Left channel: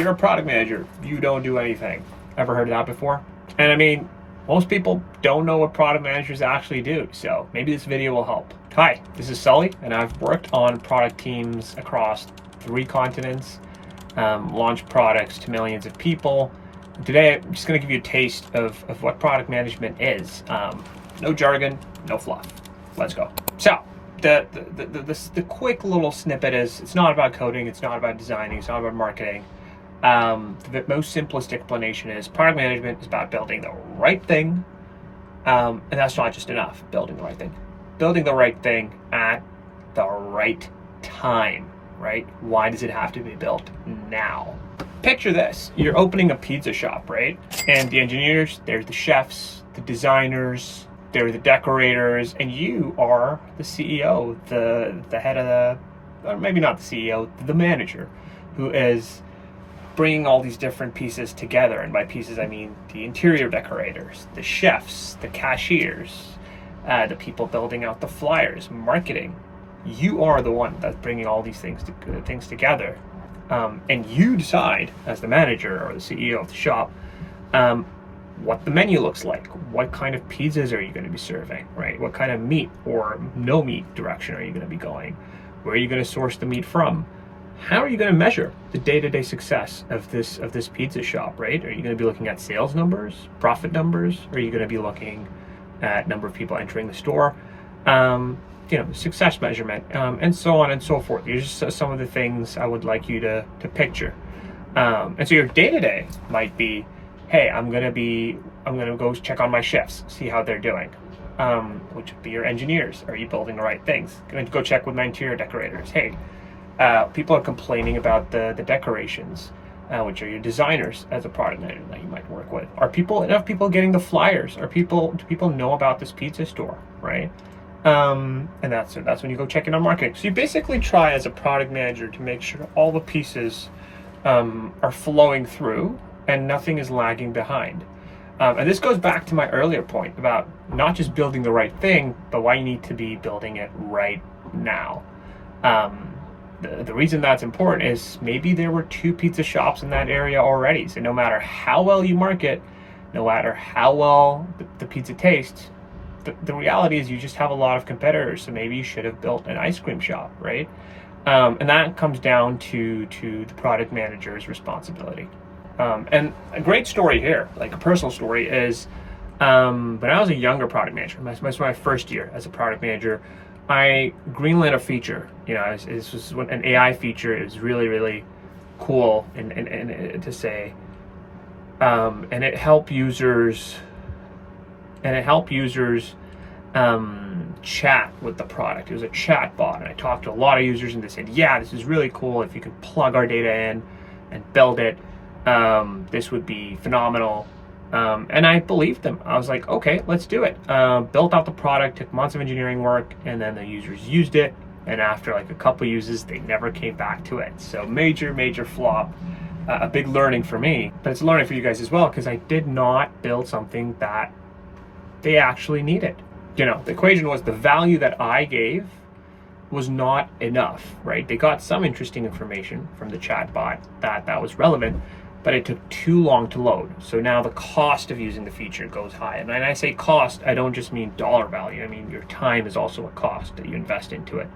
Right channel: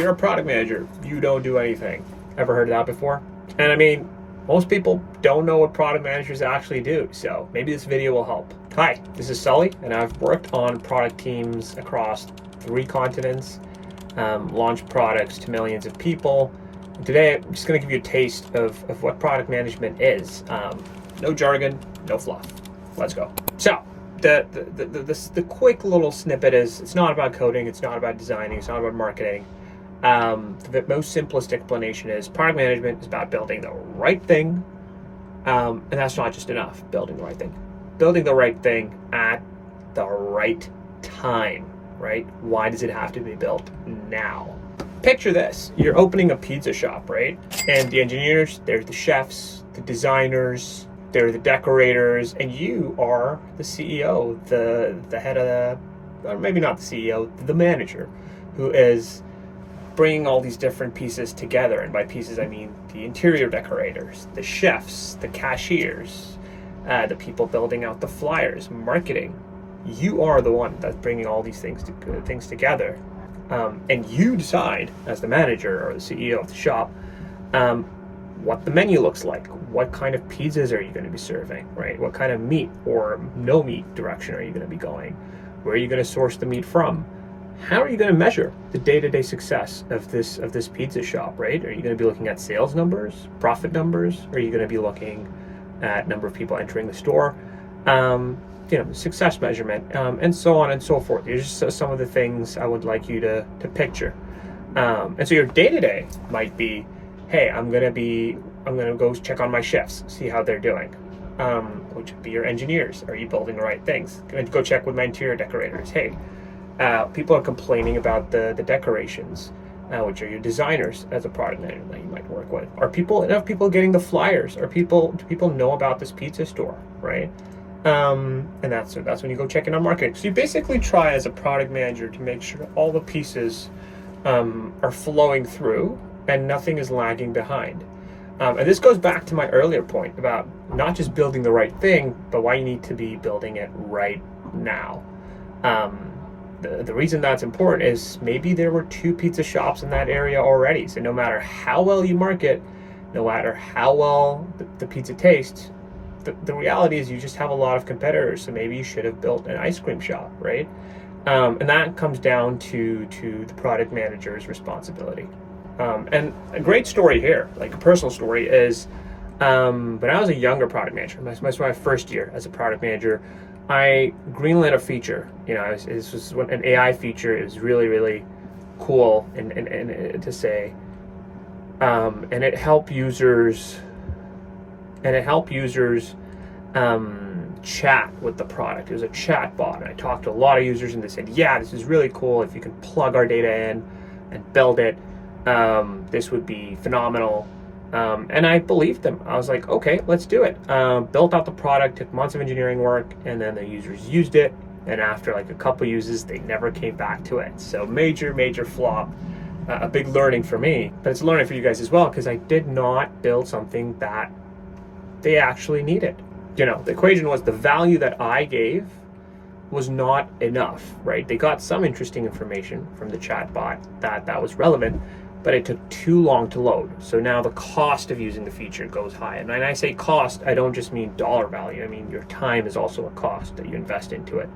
you're a product manager, you don't do anything. Ever heard of that before? And I mean, most people don't know what product managers actually do, so maybe this video will help. Hi, this is Sully, and I've worked on product teams across 3 continents, launched products to millions of people. And today, I'm just going to give you a taste of what product management is. No jargon, no fluff. Let's go. So, the quick little snippet is, it's not about coding, it's not about designing, it's not about marketing. The most simplest explanation is product management is about building the right thing, and that's not just enough, building the right thing. Building the right thing at the right time, right? Why does it have to be built now? Picture this, you're opening a pizza shop, right? And the engineers, they're the chefs, the designers, they're the decorators, and you are the CEO, the head of or maybe not the CEO, the manager, who is bringing all these different pieces together. And by pieces, I mean the interior decorators, the chefs, the cashiers, the people building out the flyers, marketing. You are the one that's bringing all these things together. And you decide, as the manager or the CEO of the shop, what the menu looks like, what kind of pizzas are you going to be serving, right? What kind of meat or no meat direction are you going to be going? Where are you going to source the meat from? How are you going to measure the day-to-day success of this pizza shop, right? Are you going to be looking at sales numbers, profit numbers? Are you going to be looking at number of people entering the store? Success measurement, and so on and so forth. These are some of the things I would like you to picture. And so your day-to-day might be, hey, I'm gonna go check on my chefs, see how they're doing. Which would be your engineers. Are you building the right things? Gonna go check with my interior decorators. Hey, people are complaining about the decorations, which are your designers as a product manager that you might work with. Are enough people getting the flyers? Do people know about this pizza store, right? And that's when you go check in on marketing. So you basically try as a product manager to make sure all the pieces are flowing through and nothing is lagging behind. And this goes back to my earlier point about not just building the right thing, but why you need to be building it right now. The reason that's important is maybe there were 2 pizza shops in that area already. So no matter how well you market, no matter how well the pizza tastes, the reality is you just have a lot of competitors. So maybe you should have built an ice cream shop, right? And that comes down to the product manager's responsibility. And a great story here, like a personal story, is when I was a younger product manager, my first year as a product manager, I greenlit a feature. This was an AI feature. It was really, really cool and to say, and it helped users chat with the product. It was a chat bot, and I talked to a lot of users, and they said, yeah, this is really cool. If you can plug our data in and build it, this would be phenomenal. And I believed them. I was like, okay, let's do it. Built out the product, took months of engineering work, and then the users used it. And after like a couple uses, they never came back to it. So major flop. A big learning for me, but it's a learning for you guys as well, because I did not build something that they actually needed. The equation was the value that I gave was not enough, right? They got some interesting information from the chatbot that was relevant, but it took too long to load. So now the cost of using the feature goes high. And when I say cost, I don't just mean dollar value. I mean your time is also a cost that you invest into it.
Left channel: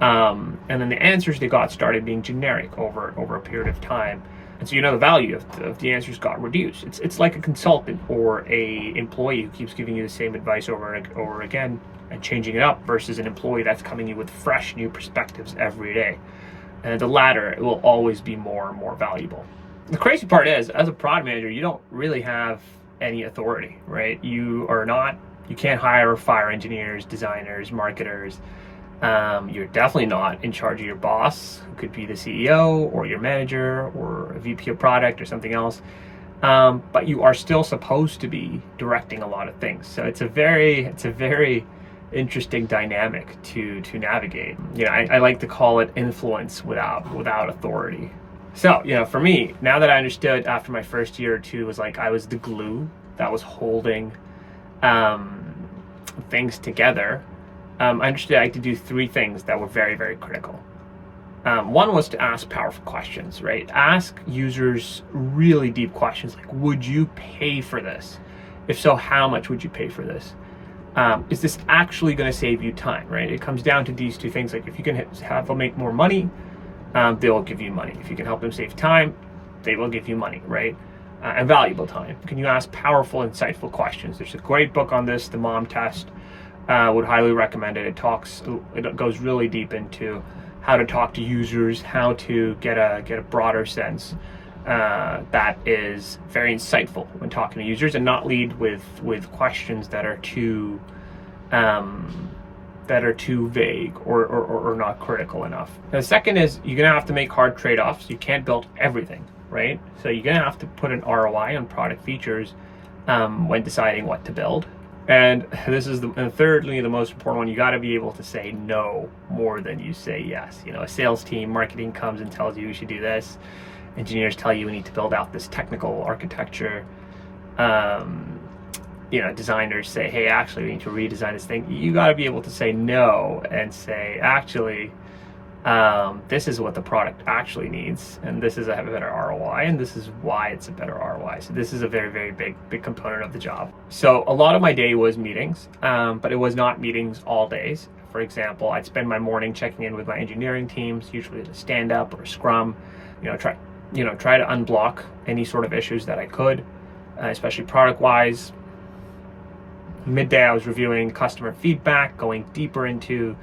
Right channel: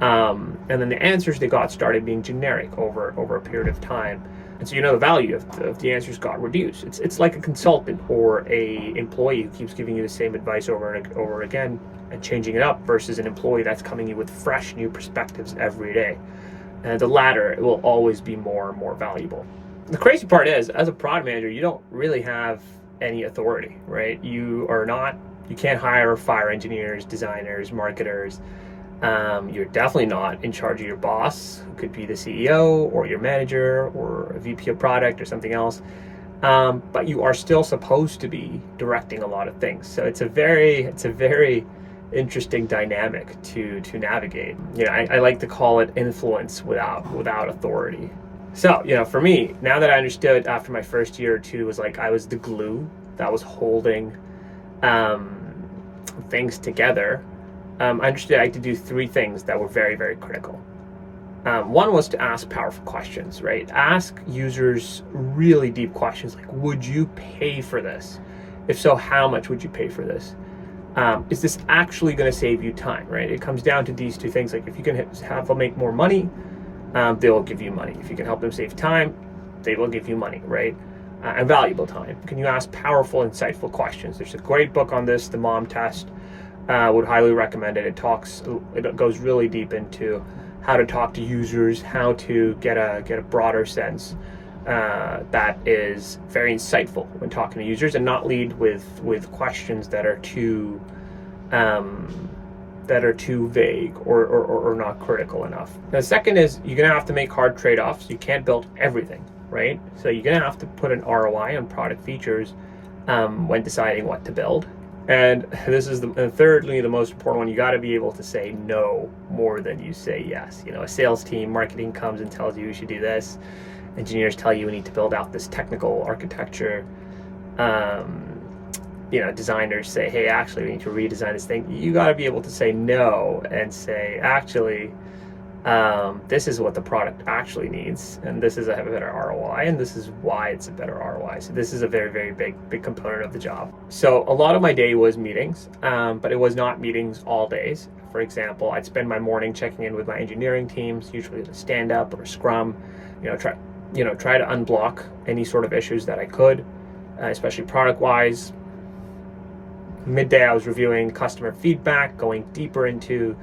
And then the answers they got started being generic over a period of time. And so the value of the answers got reduced. It's like a consultant or a employee who keeps giving you the same advice over and over again and changing it up, versus an employee that's coming in with fresh new perspectives every day. And the latter will always be more and more valuable. The crazy part is, as a product manager, you don't really have any authority, right? You can't hire or fire engineers, designers, marketers. You're definitely not in charge of your boss, who could be the CEO or your manager or a VP of product or something else. But you are still supposed to be directing a lot of things. So it's a very interesting dynamic to navigate. I like to call it influence without authority. So, for me, now that I understood after my first year or two, was like I was the glue that was holding things together. I understood I had to do 3 things that were very, very critical. One was to ask powerful questions, right? Ask users really deep questions like, would you pay for this? If so, how much would you pay for this? Is this actually going to save you time, right? It comes down to these two things. Like if you can have them make more money, they will give you money. If you can help them save time, they will give you money, right? And valuable time. Can you ask powerful, insightful questions? There's a great book on this, The Mom Test. Would highly recommend it. It goes really deep into how to talk to users, how to get a broader sense that is very insightful when talking to users, and not lead with questions that are too vague or not critical enough. And the second is you're gonna have to make hard trade-offs. You can't build everything, right? So you're gonna have to put an ROI on product features when deciding what to build. And this is thirdly, the most important one. You got to be able to say no more than you say yes. You know, a sales team, marketing comes and tells you should do this. Engineers tell you we need to build out this technical architecture. Designers say, hey, actually, we need to redesign this thing. You got to be able to say no and say, actually, this is what the product actually needs, and this is a better ROI, and this is why it's a better ROI. So this is a very, very big component of the job. So a lot of my day was meetings, but it was not meetings all days. For example, I'd spend my morning checking in with my engineering teams, usually at a stand-up or a scrum, try to unblock any sort of issues that I could, especially product-wise. Midday, I was reviewing customer feedback, going deeper into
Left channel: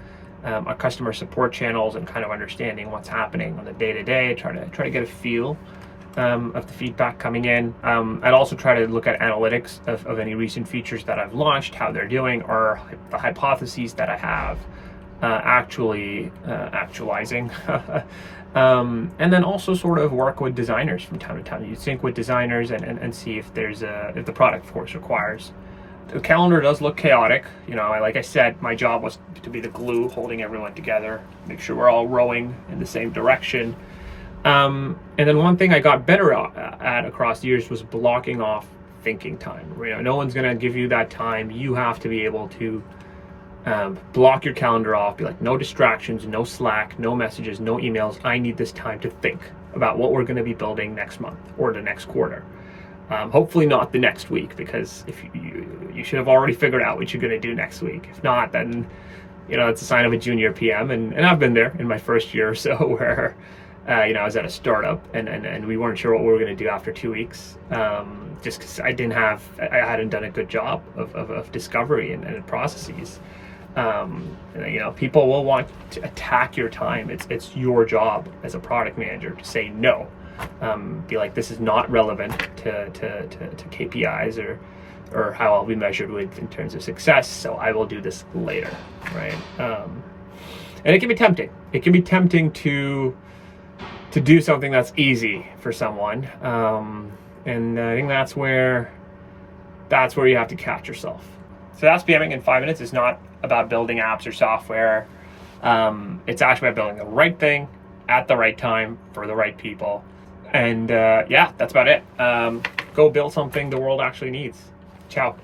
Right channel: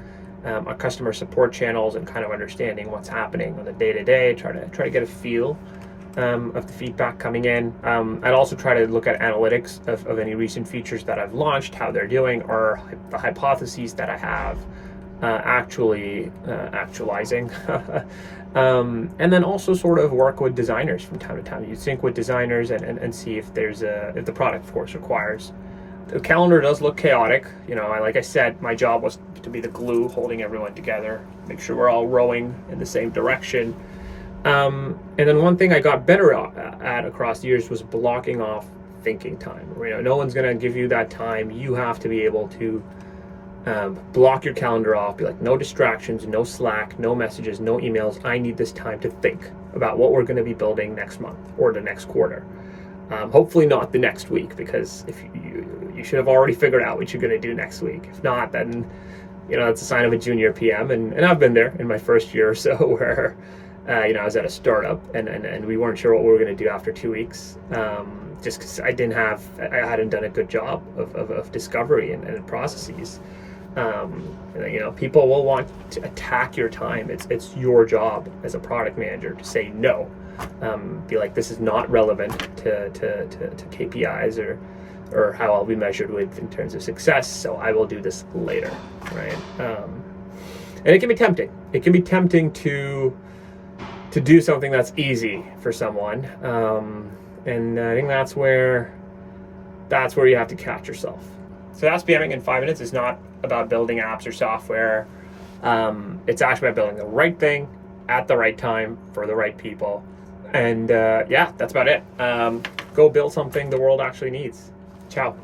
our customer support channels and kind of understanding what's happening on the day-to-day, try to get a feel of the feedback coming in. I'd also try to look at analytics of any recent features that I've launched, how they're doing, or the hypotheses that I have actually actualizing. And then also sort of work with designers from time to time. You sync with designers and see if the product, of course, requires. The calendar does look chaotic. Like I said, my job was to be the glue holding everyone together, make sure we're all rowing in the same direction. And then one thing I got better at across the years was blocking off thinking time. No one's going to give you that time. You have to be able to block your calendar off, be like, no distractions, no Slack, no messages, no emails. I need this time to think about what we're going to be building next month or the next quarter. Hopefully not the next week, because if you should have already figured out what you're going to do next week. If not, then it's a sign of a junior PM, and I've been there in my first year or so where I was at a startup and we weren't sure what we were going to do after 2 weeks, just because I hadn't done a good job of discovery and processes. People will want to attack your time. It's your job as a product manager to say no. Be like, this is not relevant to KPIs or how I'll be measured with in terms of success, so I will do this later, right? And it can be tempting. It can be tempting to do something that's easy for someone, and I think that's where you have to catch yourself. So that's PMing in 5 minutes. It's not about building apps or software. It's actually about building the right thing at the right time for the right people. And that's about it. Go build something the world actually needs. Ciao.